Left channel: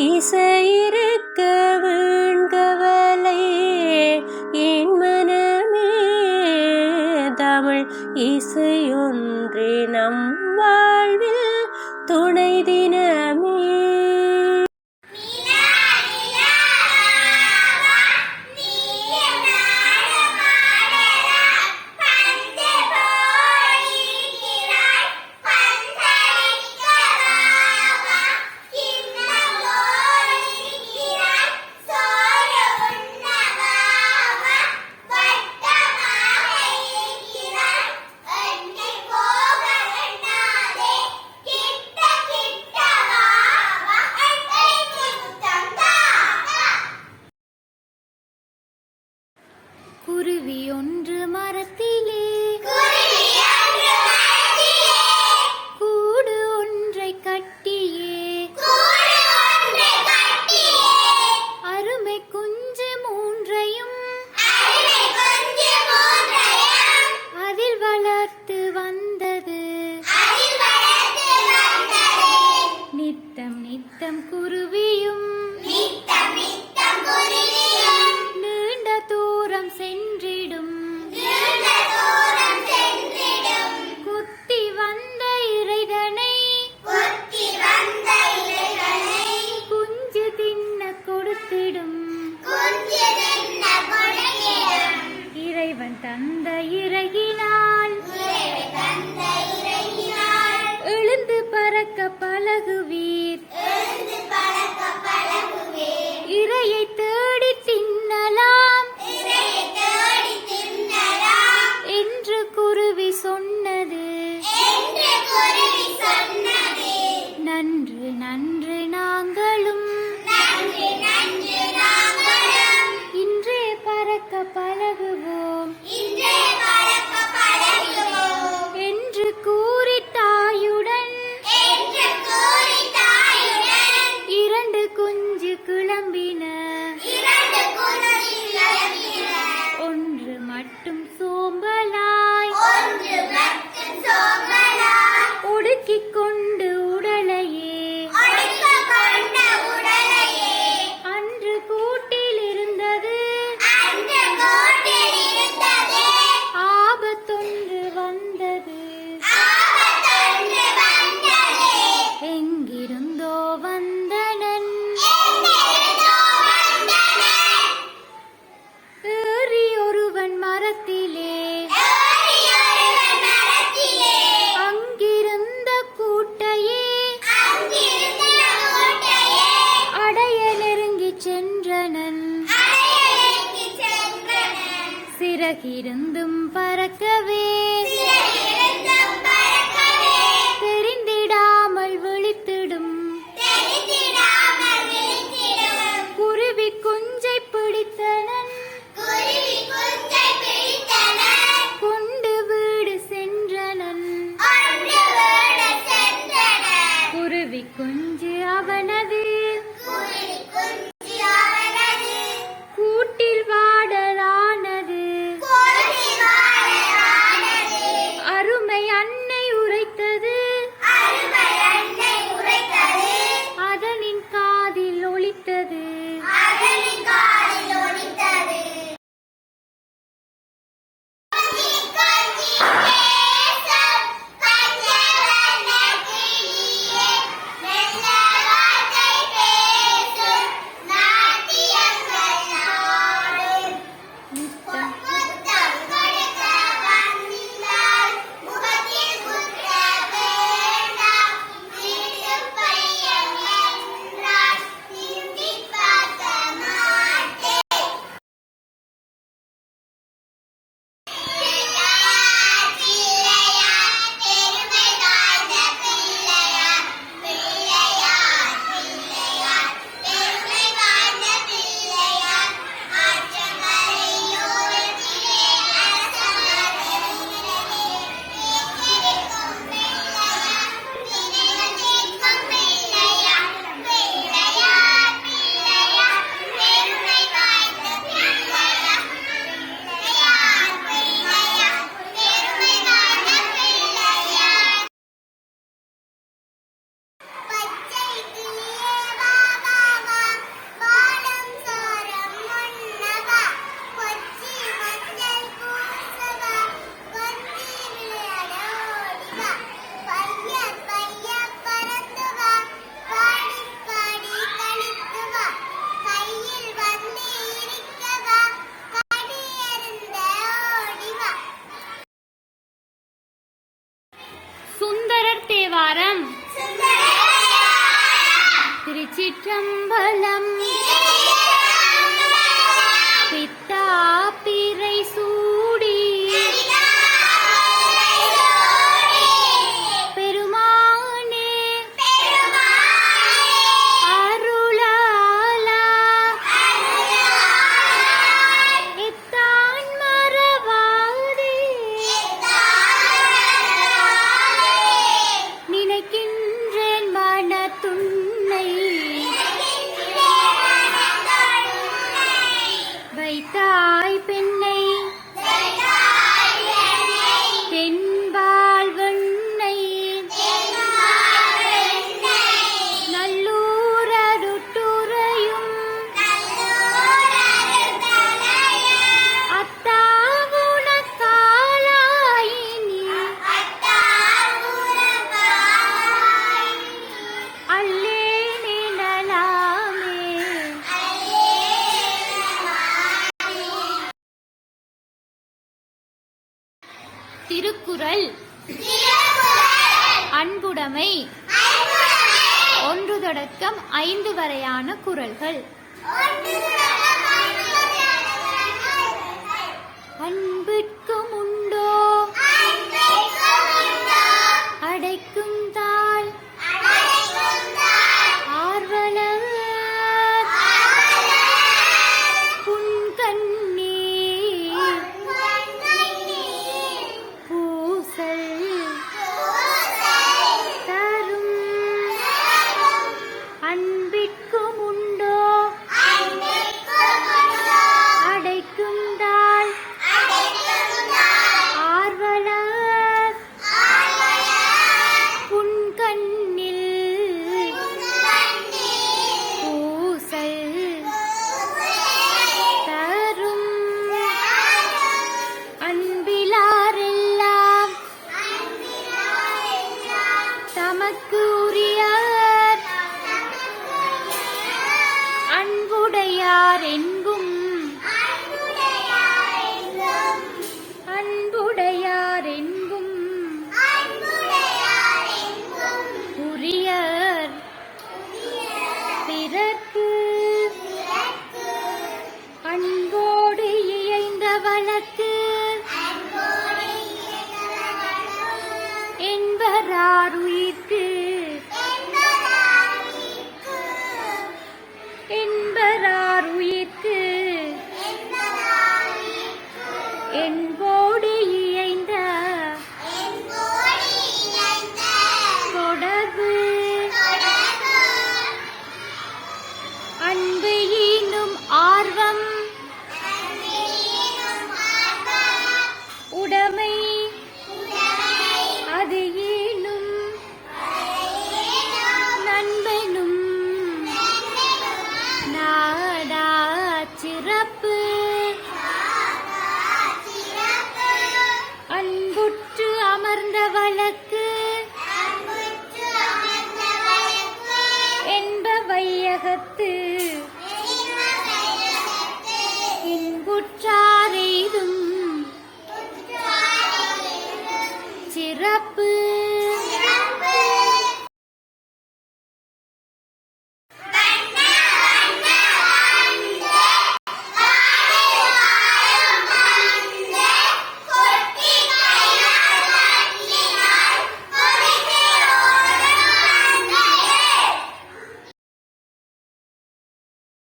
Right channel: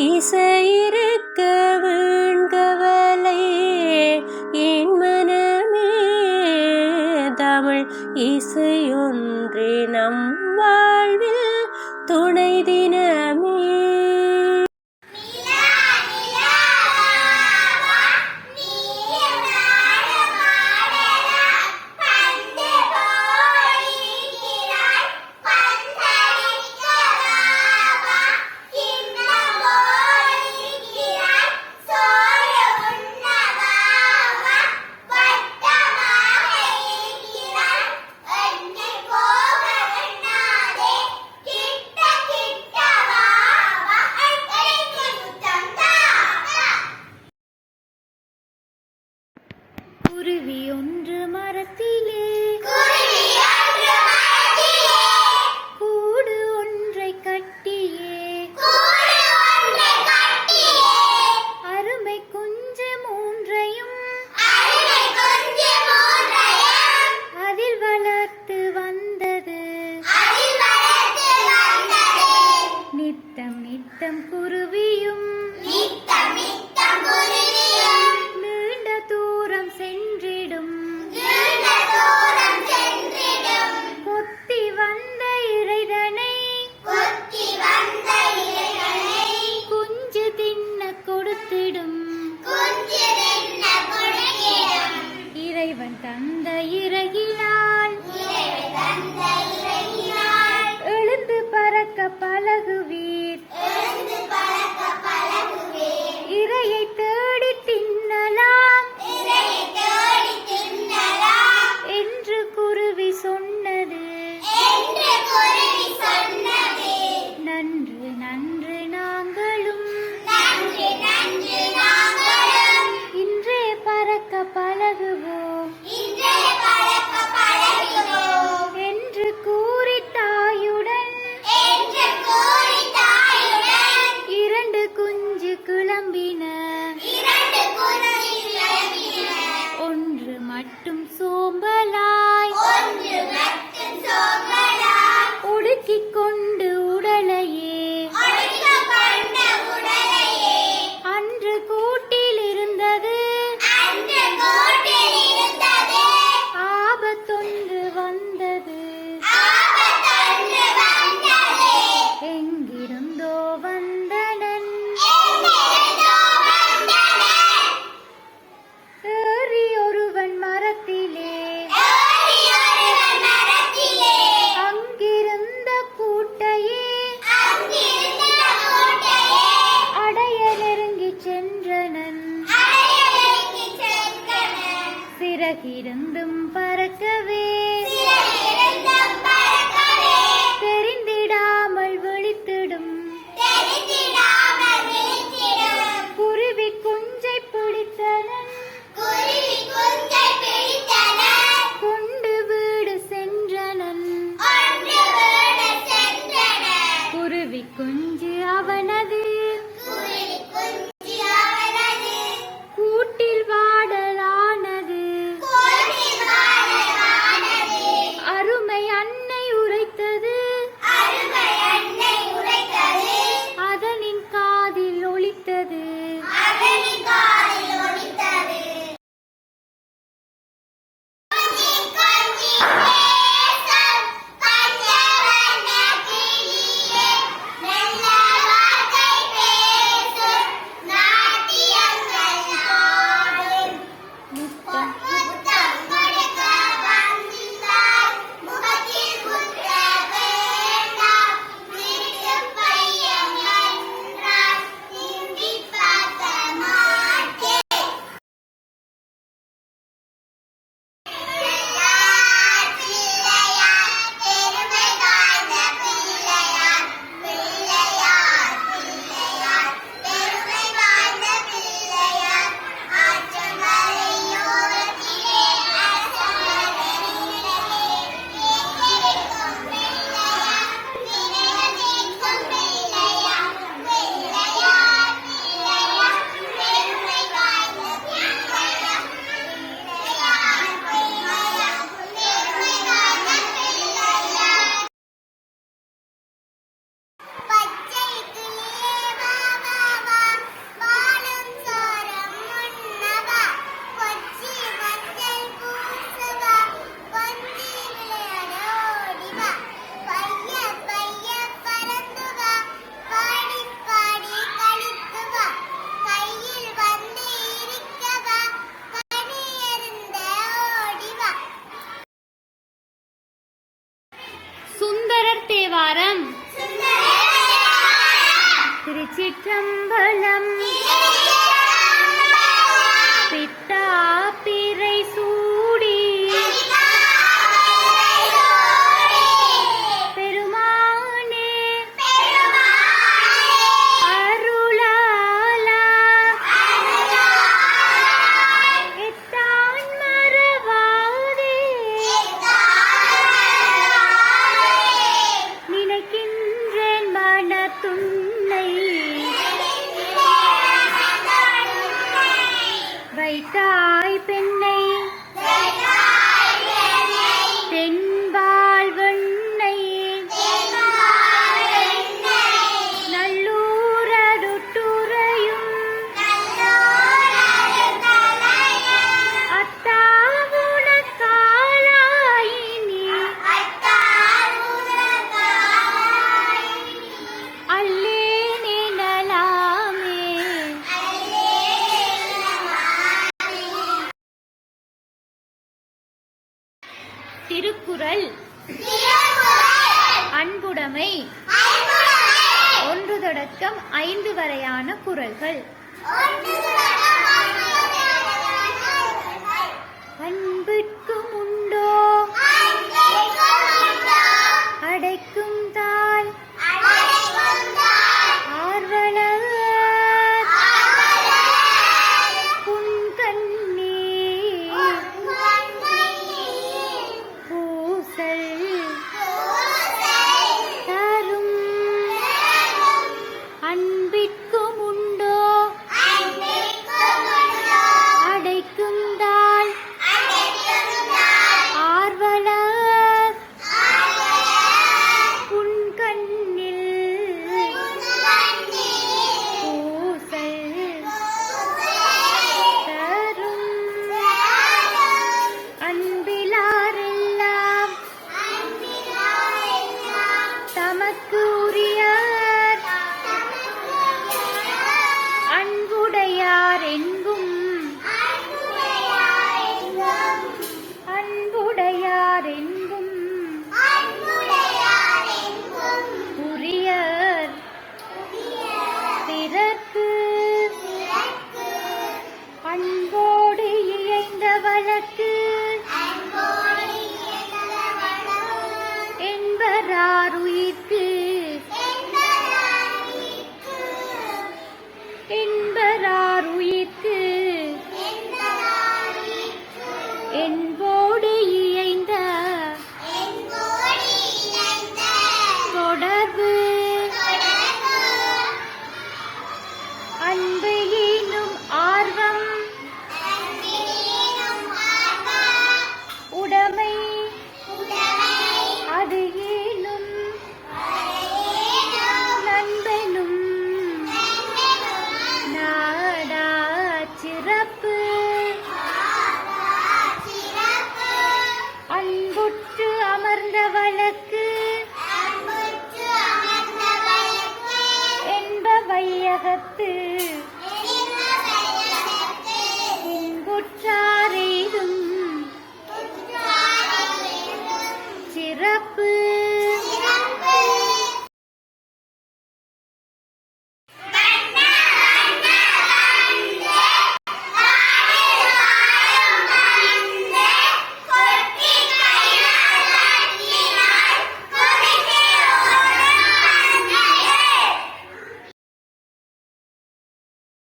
இசையிருக்க வீண்கவலை என் மனமே. தமிழ் இசையொன்றே நம் வாழ்வில் துணை தினமே. குருவி ஒன்று மரத்திலே கூடு ஒன்றை கட்டியே அருமை குஞ்சு மூன்றையும் அதில் வளர்த்து வந்தது. நித்தம் நித்தம் குருவியும் நீண்ட தூரம் சென்றிடும். கொத்தி வந்த இறைதனை குஞ்சு தின்ன கொடுத்திடும். இறைவன் தந்த இறகினால் எழுந்து பறக்க பழகுவீர். இறையை தேடி தின்னலாம் என்று குருவி சொன்னது. நன்று நன்று நாங்களும் இன்றே பறக்க பழகுவோம் என்று கூறி தாயுடன் இரண்டு குஞ்சு கிளம்பின. ஒன்று மட்டும் சோம்பலாய் ஒடுக்கிக் கொண்டு உடலையே அன்று கூட்டில் இருந்தது. ஆபத்தொன்று வந்தது. எங்கிருந்தோ வந்தனன் ஏறி ஒருவன் மரத்திலே அங்கிருந்த கூட்டையே அடைய நெருங்கிச் சென்றனன். சிறகிருந்தும் பறக்கவே தெரிந்திடாமல் விழித்திடும். குருவி குஞ்சை பிடித்தனன் கொண்டு வீடு சென்றனன். குருவி குஞ்சு அவனது கூட்டில் வாடலானது. அருமை அன்னை உரைத்தது அதனின் காதில் ஒலித்தது. திருச்சிற்றம்பலம். பித்தா பிறை சூடி பெருமானே அருளாலா எத்தான் மறவாதே நினைக்கின்றேன் மனத்துன்னை வைத்தாய் பெண்ணை தென்பால் வெண்ணை நல்லூரடுட்டுறையும் அத்தாவுனக்காலாயினி அல்லேனே நலாமே. திருக்குறள் அன்புடைமை 1 தொடக்கம் 5 வரையான குறள்கள். அன்பிற்கும் உண்டோ அடைக்கும் தாய் ஆர்வலர் புன்கண்ணீர் பூசல் தரும். அன்பிற்கும் உண்டோ அடைக்கும் தாய் ஆர்வலர் புன்கண்ணில் பூசல் தரும். அன்பிலாரெல்லாம் தமக்கு உரியர் அன்புடையார் எங்கும் அன்புடையார் எங்கும் உரியர் பிறர்க்கு அன்போடு இயைந்த வழக்கு என்பராருயிர்க்கு என்பராருயிர்க்கு என்போடு இயைந்த தொடர்பு அன்பு ஈனும் ஆர்வம் உடைமை அது ஈனும் நண்பனும் நாடா சிறப்பு அன்புற்று அமர்ந்த வழக்கு என்ப வையகத்து இன்புற்றா